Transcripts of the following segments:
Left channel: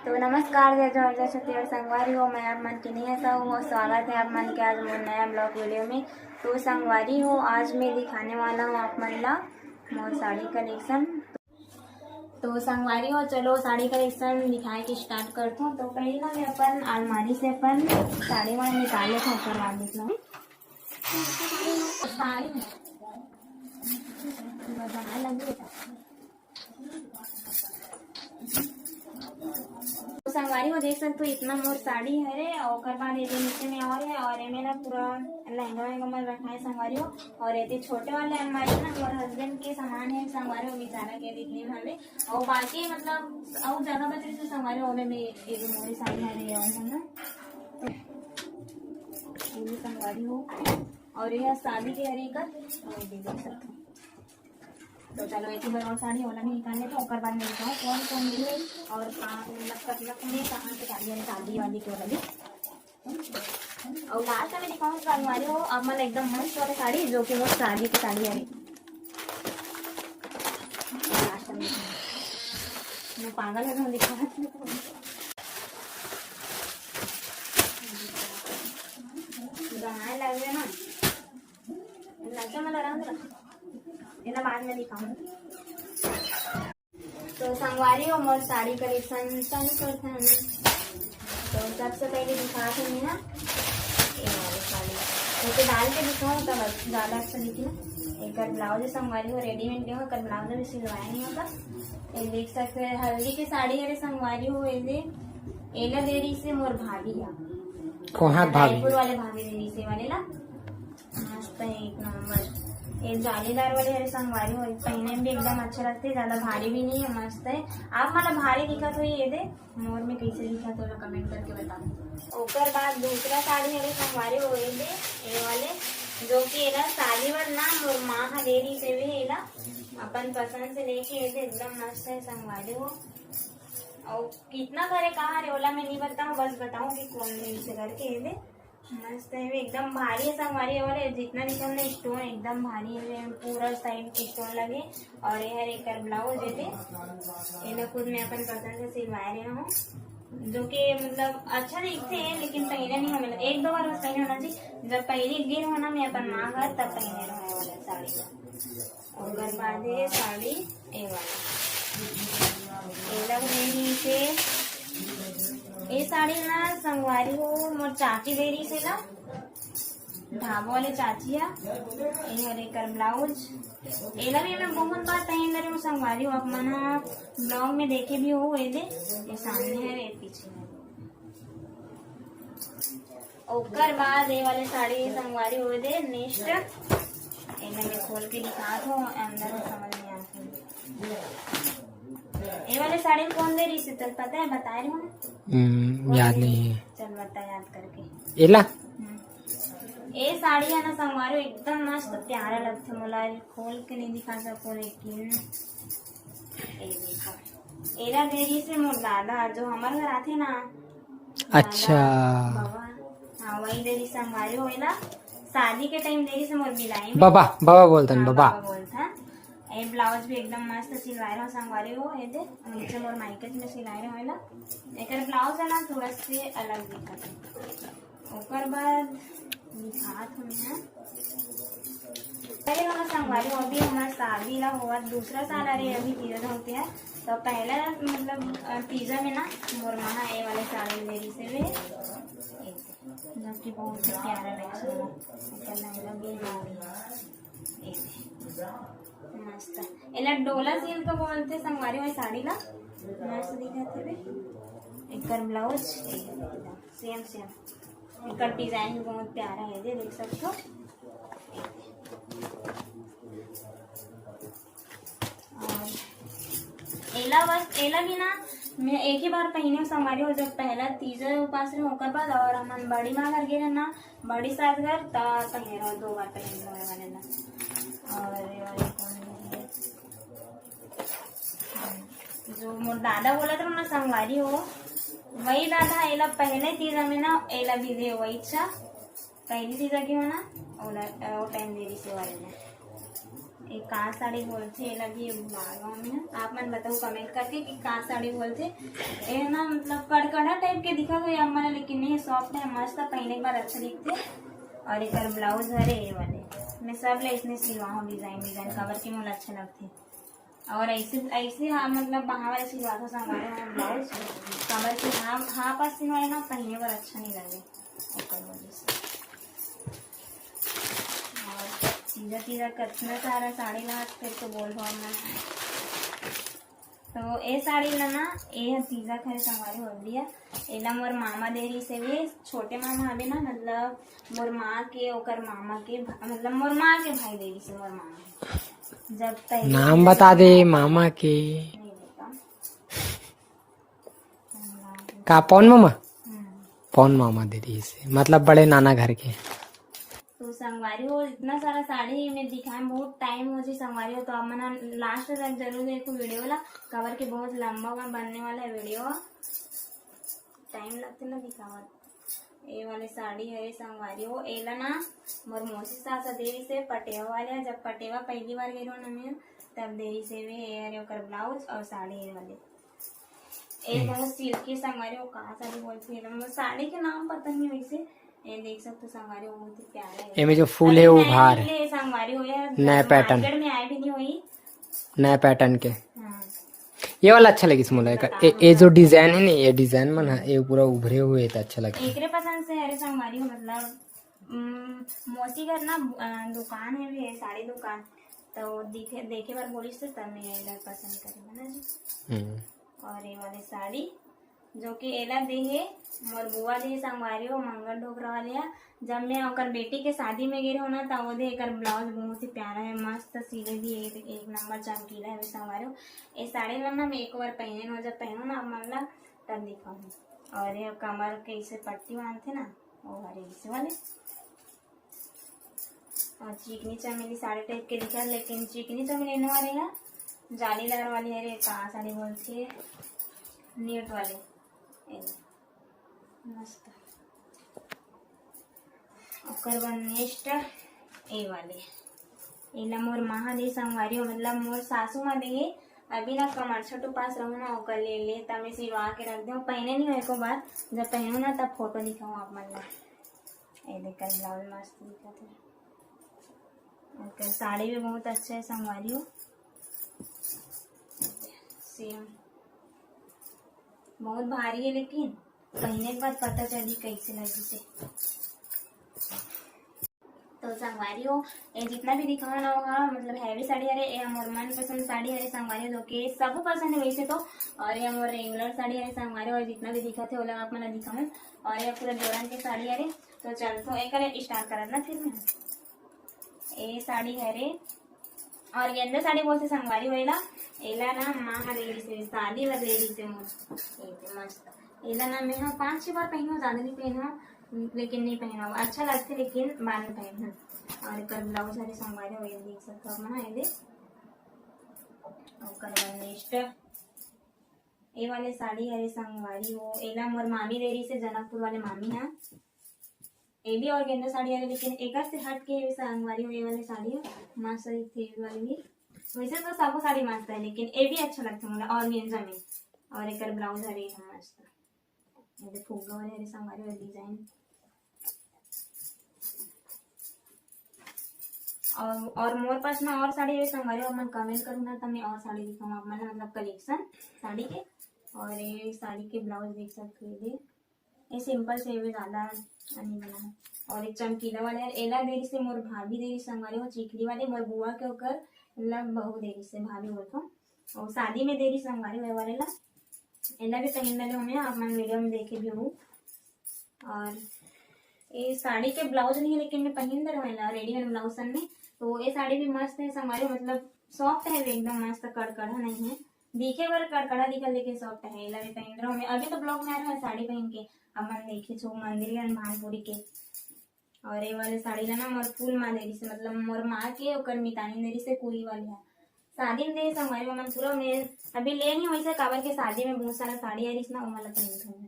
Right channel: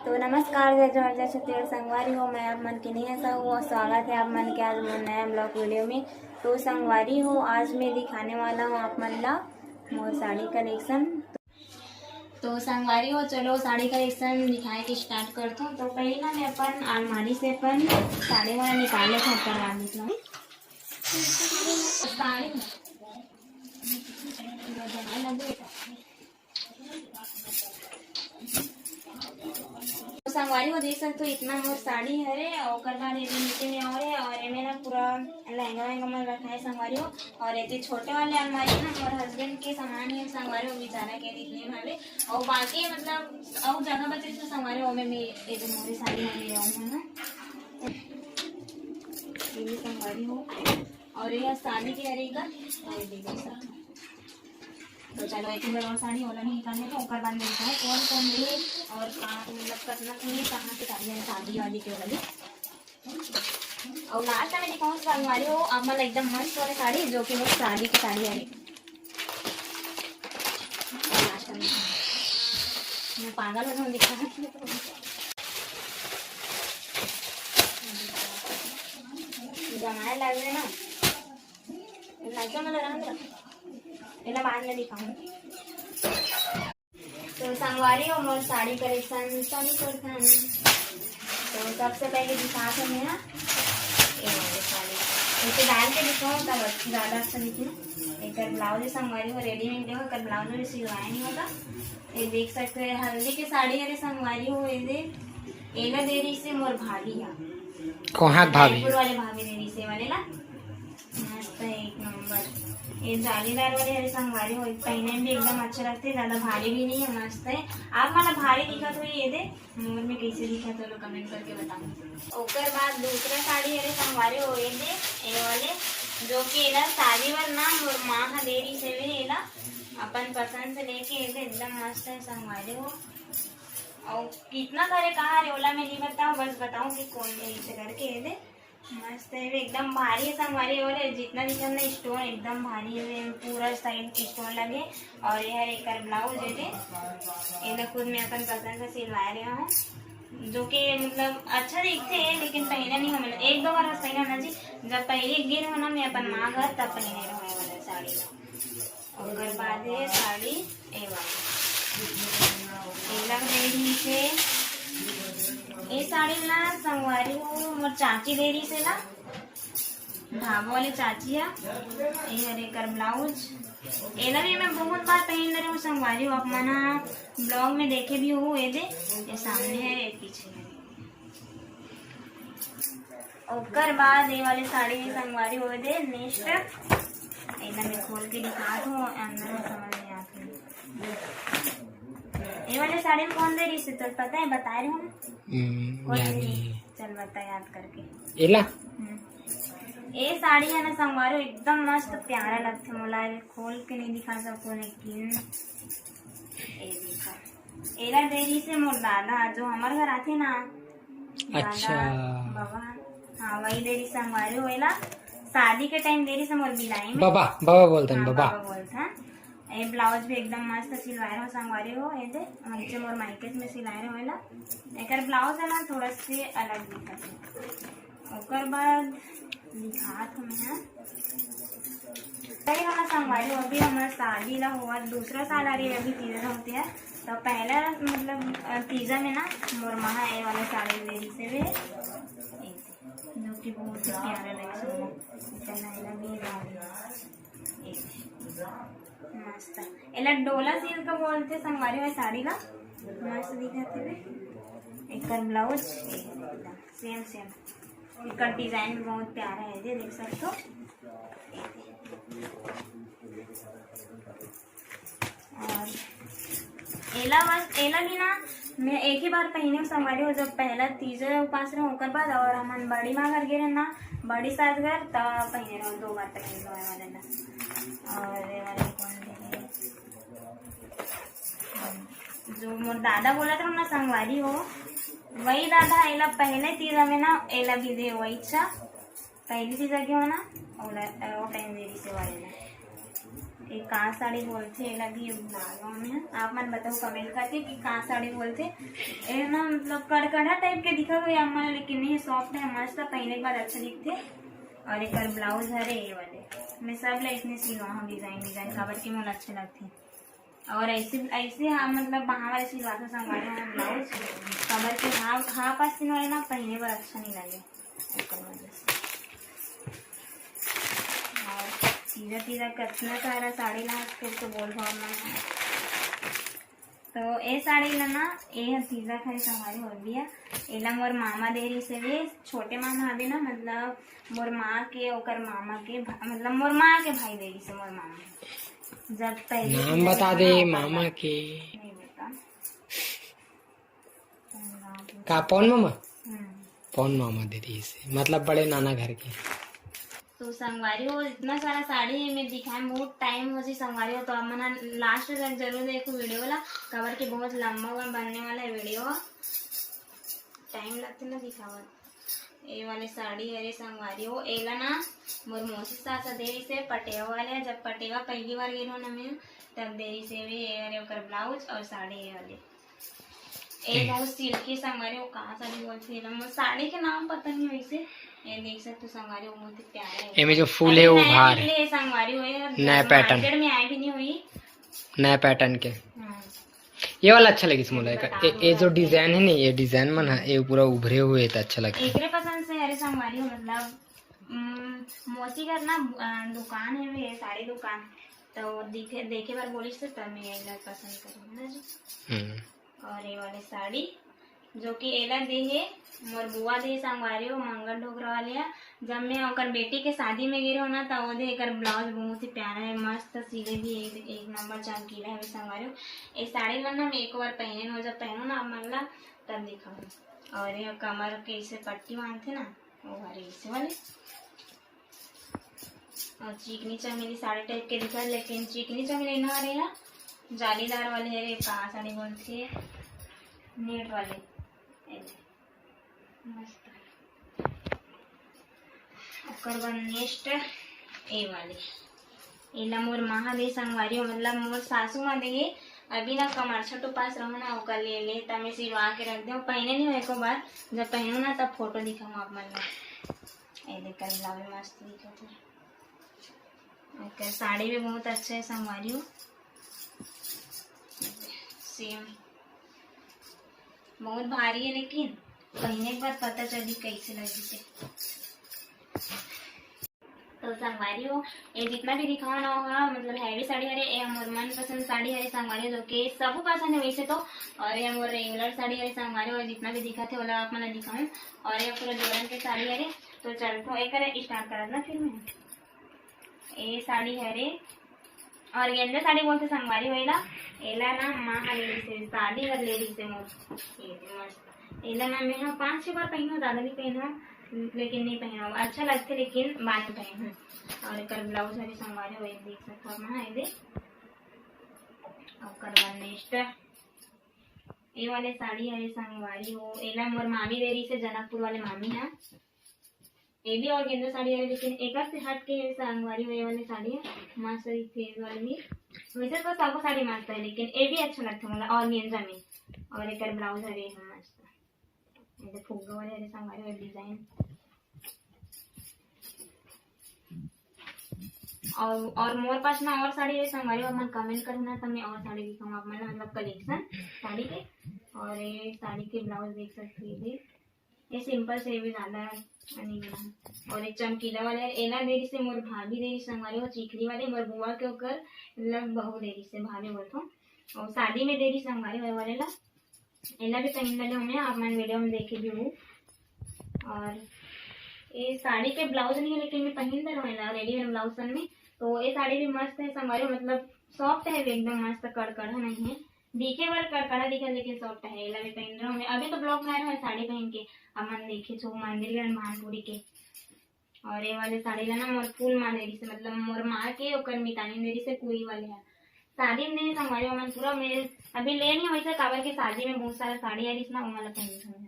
तो नमस्कार जय छत्तीसगढ़ संगवारी हो। मैं आप मन की नेहा हूँ और स्वागत है आप मन के आज मोर नया ब्लॉग वीडियो में। तो संगवारी हो, आज मैं दिखाने वाला हूँ आप मन ला मोर साड़ी कलेक्शन। तो संगवारी हो, चलो साड़ी कलेक्शन दिखाए के स्टार्ट करता हूँ। तो पहले ना मैं अपन अलमारी से अपन साड़ी वाला निकाले था करवा देता हूँ। संगवारी हो देख सकते हो इतना मोर साड़ी है और बाद ये नीचे में और ये ना पूरा लहंगा वहंगा में रखा है संगवारी हो। और ये छोटे वाले अलमारी ना मोर हस्बैंड के सामान है संगवारी हो, बेचारा के दिखने में हवे और बाकी मतलब और जगह बचे तो संगवारी हो में ये जो मोरी साड़ी है ले आऊँ ना ये संगवारी हो। और ये शादी के हरे का देख सकते हो। तो चलो एक ही बार साड़ी वाला नहीं निकालने तो और बाद मिलता है कौन कौन मिले और कहाँ मतलब कतना कहाँ पे साड़ी है शादी वाली के वाली। और लास्ट में दिखाऊँ साड़ी हो अब मतलब एकदम मस्त वाली साड़ी जो कि वो शादी की साड़ी है। लास्ट में मैं पागल हो जाऊँ दिखा बनाए लग रहे ना मतलब आराम इला बाद में दिखाऊंगी। तो संगवारी हो मोर साड़ी कलेक्शन चालू करते हैं। तो सबसे पहले दिखाते हैं ना ये वाली साड़ी ऐसे डाल के दिखाऊँ तब ज़्यादा अच्छा दिखे ना। एक ब्लाउज संगवारी हो रेडीमेड देखो कर ब्लाउज में सिलवाया नहीं होता। ये देख सकते हैं हल्दी की साड़ी अरे संगवारी हो ये एला देरी से मोर भाभी है कहाँ भाभी वाले भाभी देरी से वाले ना मस्त है एक नंबर। ये जालीदार वाले हरे संगवारी हो पहने में भी एकदम अच्छा लगते है, ज्यादा भारी भी नहीं है, मस्त है। आप मतलब भारी दिखा तो ये दे मोर में कैसे दिखा तो लोग कमेंट करके बताओ। उसके बाद दूसरा साड़ी हरे संगवारी हो ये दे ये वाले जो कि एला शादी में ना मोर माँ हा देरी से भी एला अपन पसंद से लेके ये एकदम मस्त है संगवारी हो। और कितना सारे कहा रे ओला मैं नहीं बताऊँ बस बताऊँ कि कौन है इसे करके ये दे मस्त है एकदम भारी है संगवारी और जितना दिखे हमने स्टोन एकदम भारी है पूरा साइड स्टोन लगे। और ये है एक ब्लाउज है ये खुद मैं अपन पसंद से सिलवा रही हूँ जो कि मतलब अच्छा दिखते हैं लेकिन पहने नहीं हमें एक दो बार पहने होना चाहिए। जब पहले एक दिन होना मैं अपन माँ घर तब पहने रहा वाला साड़ी का। और बाद है साड़ी ए वाला नीचे ये साड़ी ना संगवारी हो मोर चाची देरी से ना ढाबा वाले चाची है ये हरे कर ब्लाउज एला भी मैं बहुत बार पहन रही हूँ संगवारी हो। आप मना ब्लॉग में देखे भी हो ये सामने है ये पीछे है। और बाद ये वाले साड़ी संगवारी हो दे नेक्स्ट एला मैं खोल के दिखा दूँ अंदर समझ नहीं आती। ये वाले साड़ी में कौन दे रही से चल पता है बता रही हूँ याद नहीं है चल बता याद करके एला ये साड़ी है ना संगवारी एकदम मस्त प्यारा लगते मोला खोल के नहीं दिखा सको लेकिन ये देखा एला देरी से मोर दादा जो हमारे घर आते ना अच्छा बाबा हाँ वही देरी संगवारी हो एला शादी के टाइम देरी से मोर बिलाई में बाबा बाबा बोलते हैं बाबा बोलते हैं। ये ब्लाउज भी एकदम मस्त सिलवाए रहो संगवारी हो ये दे नीचे मोर माइकेट में सिलाए रहो एला एक ब्लाउज है ना थोड़ा से अलग दिखा और बाद दिखात हमें अरे हमारा संगवारी हो भी हमारा शादी ला हुआ दूसरा साल आ रही है अभी तीजा होती है। तो पहला मतलब तीजा में ना मोर महा ये वाला साड़ी देरी से वे जो कि बहुत ही प्यारा मस्त एला डोला सिल्क का बोलते संगवारी वाली साड़ी ला मस्त दिखते वे एक ब्लाउज सेम सेम एक डिजाइन भी बहुत प्यारा है ये देख सकते हो। और एला बस एला भी ना मैं एक ही बार पहने संगवारी हो जब पहला तीसरा उपास रहे होकर बाद और हम बड़ी माँ घर गए ना बड़ी सास घर तब पहने रहो दो बार पहन लो वाले ना। और ये वाले कौन जो मोर दादा बोला था ना संगवारी हो वही दादा एला पहले तीजा में ना एला भी दे वही अच्छा पहली तीजा की हो ना वो टाइम देरी से वाले ना एक का साड़ी बोलते ये लगी गाँव में। आप मन बताओ कमेंट करके कि का साड़ी बोलते। ये ना मतलब कड़कड़ा टाइप के दिखा हुआ मन, लेकिन नहीं सॉफ्ट है, मस्त है, पहले के बाद अच्छा दिखते। और एक ब्लाउज है ये वाले, मैं सब ले इसने सिलवा हूँ डिजाइन कवर के मोल अच्छे लगते। और ऐसे हाँ मतलब वहाँ वाले सिलवा था संगवारी मतलब ब्लाउज कवर के हाँ पास सिल वाले ना पहने पर अच्छा नहीं लगे वजह से। और तीजा कितना सारा साड़ी ला फिर तो बोल भाव में। तो ये साड़ी लेना ये तीजा खरी संगवारी हो दिया। एला मोर मामा देरी से भी छोटे मामा हवे ना, मतलब मोर माँ के ओकर मामा के मतलब मोर माँ के भाई देरी से मोर मामा जब पहले नाम बता दे मामा के। नहीं बता का पौन मामा? पौन मामा दीदी से मतलब बड़े नाना घर के। तो संगवारी हो इतना सारा साड़ी में दिखाए बहुत टाइम हो जी संगवारी हो। तो अब मना लास्ट तक जरूर देखो वीडियो वाला कवर के बहुत लंबा बनने वाला है वीडियो, टाइम लगते ना दिखावत। ये वाले साड़ी है संगवारी हो एला ना मोर मौसी सास देरी से पटेवा वाले जब पटेवा पहली बार गई ना मैं तब देरी से भी ये ओकर ब्लाउज और साड़ी ये वाले एक बहुत सिल्की संगवारी हो। कहाँ साड़ी बोलती है साड़ी के नाम पता नहीं वैसे। ये देख सकते हो संगवारी हो बहुत ही प्यारे है। ये जो फूल है वो बाहर है संगवारी हो नया पैटर्न मार्केट में आए भी नहीं हुई नया पैटर्न के। ये वाला अच्छा लगे स्मॉल का। ये जो डिजाइन है ना ये डिजाइन मन है ये पूरा उभरे हुए तो अच्छा लगता है। एकरे पसंद से अरे संगवारी हो मतलब मौसी घर ना दुकान है भी साड़ी दुकान, तो देखे बार बोली से तब मैं ये पसंद करूँगा ना जी। और ये वाली साड़ी जो कि एला दे है मोर बुआ दे संगवारी हो मंगल ढोकरा वाले। जब मैं ओकर बेटी के शादी में गिरे हो ना तब वो दे एकर ब्लाउज बहुत ही प्यारा है, मस्त सिले भी एक नंबर चमकीला है संगवारी हो। ये साड़ी ला ना मैं एक बार पहने हो जब पहनो ना मन ला तब दिखाऊँ। और ये कमर के इसे पट्टी बांधते ना वो हरे इसे वाले। और चिकनी चमेली साड़ी टाइप के दिखा, लेकिन चिकनी चमेली ना रहेगा जालीदार वाले है। कहाँ साड़ी बोलती है नेट वाले मस्त। ओकर बाद नेक्स्ट ए वाले एला मोर महा दे संगवारी हो मतलब मोर सासू माँ दे अभी ना कमर छोटो पास रहो ना ओकर ले तब मैं सिलवा के रख दे। पहने नहीं हो एक बार जब पहनो ना तब फोटो दिखाऊँ आप मन में। ये देखकर ब्लाउज मस्त दिखा था। साड़ी भी बहुत अच्छा है संगवारी हो सेम बहुत भारी है लेकिन पहने के बाद पता चली कैसे लगी से। तो संगवारी हो ये जितना भी दिखाना होगा मतलब हैवी साड़ी है ये हमारे मनपसंद साड़ी है संगवारी जो कि सब पसंद है वैसे तो। और ये हमारे रेगुलर साड़ी है संगवारी और जितना भी दिखा थे वो आप मैंने दिखाऊँ। और ये पूरा जोरन के साड़ी है तो चल तो एक स्टार्ट करा ना फिर मैं ये साड़ी है रे। और ये अंदर साड़ी बोलते संगवारी होएला एला ना माँ लेडी से शादी वाली लेडी से मस्त एला ना मैं 5-6 बार पहनो ज़्यादा नहीं पहनो लेकिन नहीं पहना अच्छा लगते लेकिन बाद में पहनूँ। और एक ब्लाउज हरे संगवारी हो देख सकते हो ना ये और नेक्स्ट ये वाले साड़ी हरे संगवारी हो एला मोर मामी देरी से जनकपुर वाले मामी है। ये भी और गेंदा साड़ी है लेकिन एक से हट के संगवारी हो ये वाली साड़ी है मस्त थी वाली भी। वैसे तो सब साड़ी मस्त है लेकिन ये भी अच्छा लगता है मतलब और गेंजा में। और एक ब्लाउज हरे है मस्त ये फुग्गा वाले हरे संगवारी वाले डिजाइन। और मोर पास ना और साड़ी है संगवारी और मैं कमेंट करना तब मैं और साड़ी दिखाऊँ आप मतलब कलेक्शन साड़ी के। और ये साड़ी के ब्लाउज देख सकते हैं ये सिंपल से भी ज़्यादा नहीं बना। और एक चमकीला वाला है एला देरी से मोर भाभी देरी संगवारी हो चिकली वाले मोर बुआ के ओकर मतलब बहु देरी से भाभी बोलतो। और शादी में देरी संगवारी होए वाले ला एला भी पहन वाले हमें आप मन वीडियो में देखे भी हो। और ये साड़ी के ब्लाउज नहीं है लेकिन मैं पहन दे रहा रेडीमेड ब्लाउज सन में। तो ये साड़ी भी मस्त है संगवारी मतलब सॉफ्ट है एकदम मस्त कड़कड़ा नहीं है दिखे बार कड़कड़ा दिखा लेकिन सॉफ्ट है। एला भी पहन रहा हूँ मैं अभी तो ब्लॉग में आया साड़ी पहन के अमन देखे छो मंदिर गए भानपुरी के। और ये वाले साड़ी लेना मोर फूल माँ देरी से मतलब मोर माँ के और मितानी देरी से कुई वाले है शादी में देरी संगवारी अमन पूरा मैं अभी ले नहीं वैसे काबर के शादी में बहुत सारा साड़ी है ना वो वाला पहन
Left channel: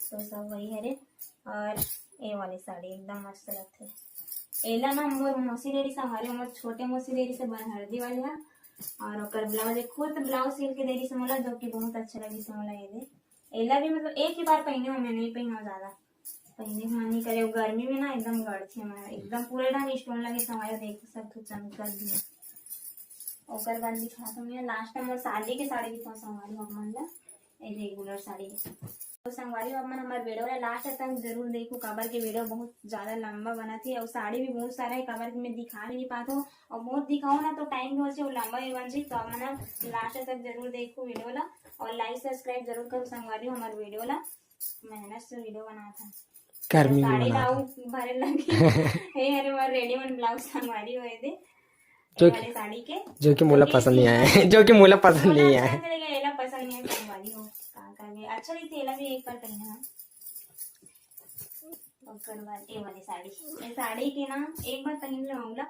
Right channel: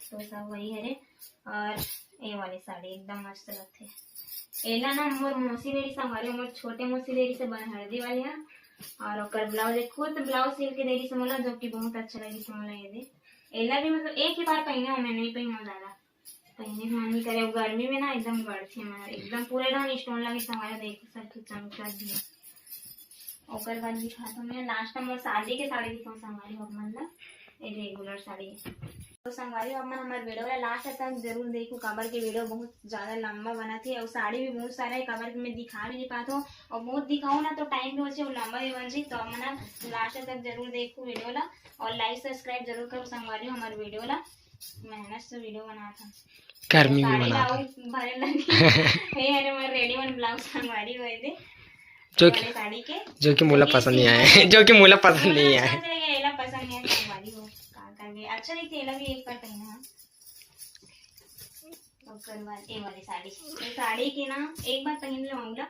तो सब वही है रे। और ये वाली साड़ी एकदम मस्त लगती है एला ना मोर मौसी लेडी संगवारी मोर छोटे मौसी लेडी से बन हल्दी वाली है और ओकर ब्लाउज खुद ब्लाउज सिल के देरी से मोला जो कि बहुत अच्छा लगी से मोला ये दे एला भी मतलब एक ही बार पहने मैं नहीं पहना ज्यादा पहने मन नहीं करे गर्मी में ना एकदम गड़थी हमारे एकदम पूरे ढंग स्टोन लगे हमारा देख सब चमक दिया ओकर बाद दिखा तो मैं लास्ट में मोर शादी के साड़ी दिखाऊं संगवारी अब मतलब ये रेगुलर साड़ी तो संगवारी अब मन हमारे वीडियो ला लास्ट तक जरूर देखो काबर के वीडियो बहुत ज्यादा लंबा बना थी और साड़ी भी बहुत सारा है काबर के मैं दिखा भी नहीं पाता हूँ और बहुत दिखाऊँ ना तो टाइम भी हो जाए लंबा भी बन जाए तो अब मन लास्ट तक जरूर देखो वीडियो ला और लाइक सब्सक्राइब जरूर करो संगवारी हमारे वीडियो ला मेहनत से वीडियो बना था गर्मी में बना था भरे लगी अरे मोर रेडी वन ब्लाउज संगवारी हुए थे साड़ी के जो कि मुझे पसंद नहीं आया जो कि मुझे पसंद नहीं आया एला पसंद नहीं है संगवारी हो का करके अच्छा नहीं एला भी एक बार पहना ओकर बाद ए वाली साड़ी ये साड़ी की ना एक बार पहन ले मामला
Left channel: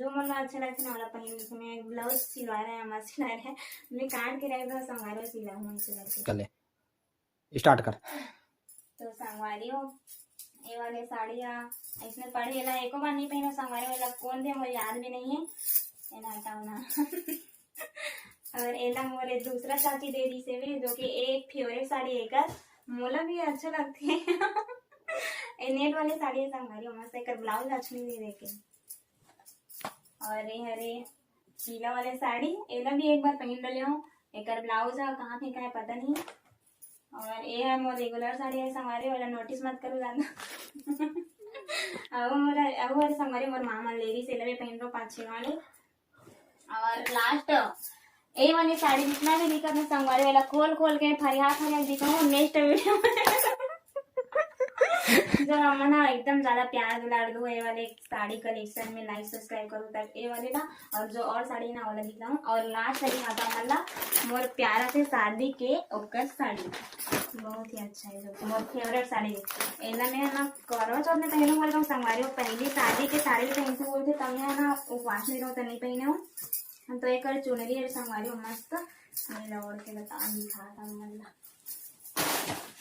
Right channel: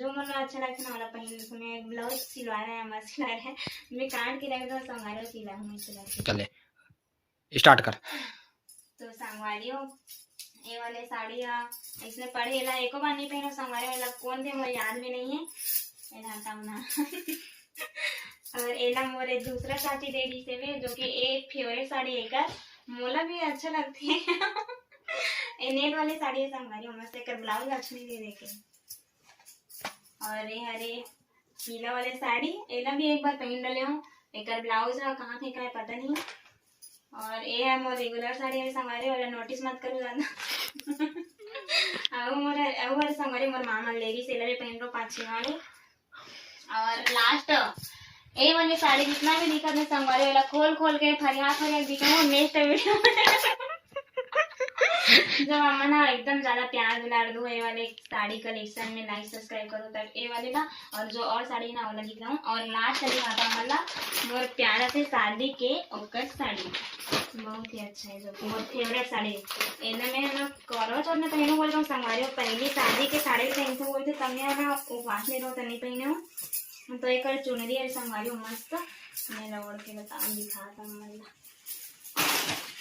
जो मुझे अच्छा लगता है ना वाला पहन ले मैं ब्लाउज सिलवा रहा है मस्त सिला रहा है मैं काट के रख दो संगवारी सिला हूं सिला चले स्टार्ट कर तो संगवारी हो ये वाले साड़ी इसने पढ़ी एला एको बार नहीं पहना संगवारी वाला कौन थे मुझे याद भी नहीं है एला हटाओ ना और एला मोरे दूसरा चाची दे दी से भी जो कि एक फेवरेट साड़ी एक मोला भी अच्छा लगती है ये नेट वाली साड़ी है संगवारी मस्त एक ब्लाउज अच्छा नहीं दे देखे और ये हरे पीला वाले साड़ी एला भी एक बार पहन डाले हूँ एक ब्लाउज है कहाँ फेंका है पता नहीं और ये है मोर रेगुलर साड़ी है संगवारी वाला नोटिस मत करो ज्यादा अब संगवारी मोर मामा लेगी से भी पहन लो 5-6 वाले और लास्ट ये वाली साड़ी जितना भी दिखा था संगवारी वाला खोल खोल के फरियाद दिखा नेक्स्ट वीडियो जब हमने एकदम ज्यादा प्यार दुलार दो ये वाले साड़ी कलेक्शन में लाइक सब्सक्राइब करो तब ये वाले ना और जो और साड़ी ना वाला दिखाऊं और लास्ट दिखाता हूँ मतलब मोर प्यारा से शादी के ओकर साड़ी बहुत ही अच्छा है जो मोर फेवरेट साड़ी एना में ना करो तो अपने पहने बोलते हूँ संगवारी पहली शादी के साड़ी पहनते बोलते तब मैं ना उपवास नहीं रहो तो नहीं पहने हूँ तो एक चुनरी है संगवारी मस्त मैं लौड़ के बता दिखाता हूँ मतलब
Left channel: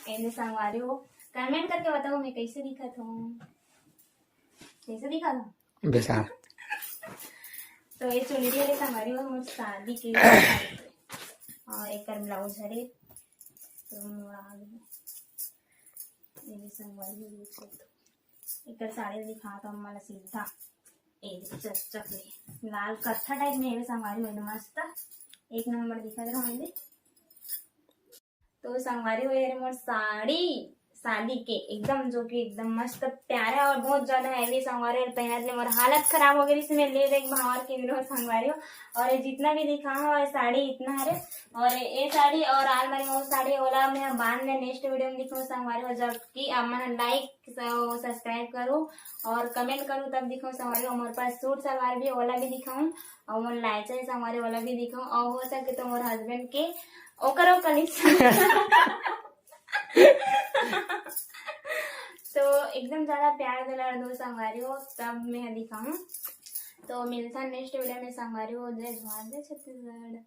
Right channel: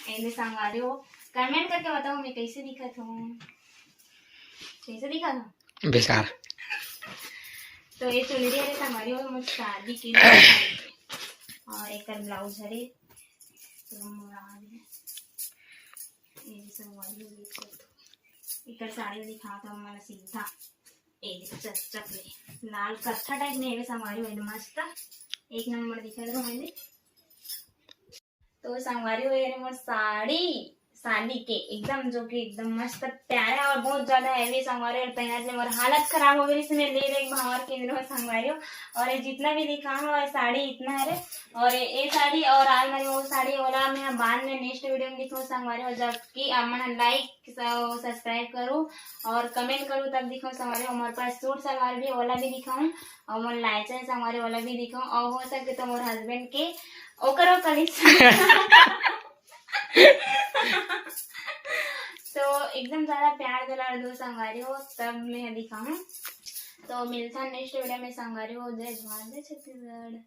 ऐसे संगवारी हो कमेंट करके बताओ मैं कैसे दिखा था बेकार तो ये चुनरी है संगवारी हो मुझे शादी के लिए और एक ब्लाउज है तो ये संगवारी देख सकते एक साड़ी दिखाता हूँ मला सीधा चकले लाल कत्था टाइप में है संगवारी हो मस्त एक नंबर दिखा रहा हूँ तो संगवारी हो मोर साड़ी शादी के एकदम जो कि एकदम मस्त प्यारा और बहुत ज्यादा हैवी संगवारी और पहनने में हालत खराब हो गई इसमें ले देख भावर केंद्र संगवारी और ये जितना भी दिखा है साड़ी इतना है और ये साड़ी और आज मैंने वो साड़ी वाला मैं बाद में नेक्स्ट वीडियो में दिखाऊँ संगवारी हो जबकि आप मैंने लाइक सब्सक्राइब करो और कमेंट करो तब दिखाऊँ संगवारी हमारे पास सूट सलवार भी वाला भी दिखाऊँ और मोर लाइचा संगवारी वाला भी दिखाऊँ और हो सके तो मोर हस्बैंड के ओकरो कलेक्शन तो एकदम ज्यादा प्यार दुलार दो संगवारी हो तब मैं दिखाऊं तो मिलता नेक्स्ट वीडियो में संगवारी हो जय जवाहर जय छत्तीसगढ़।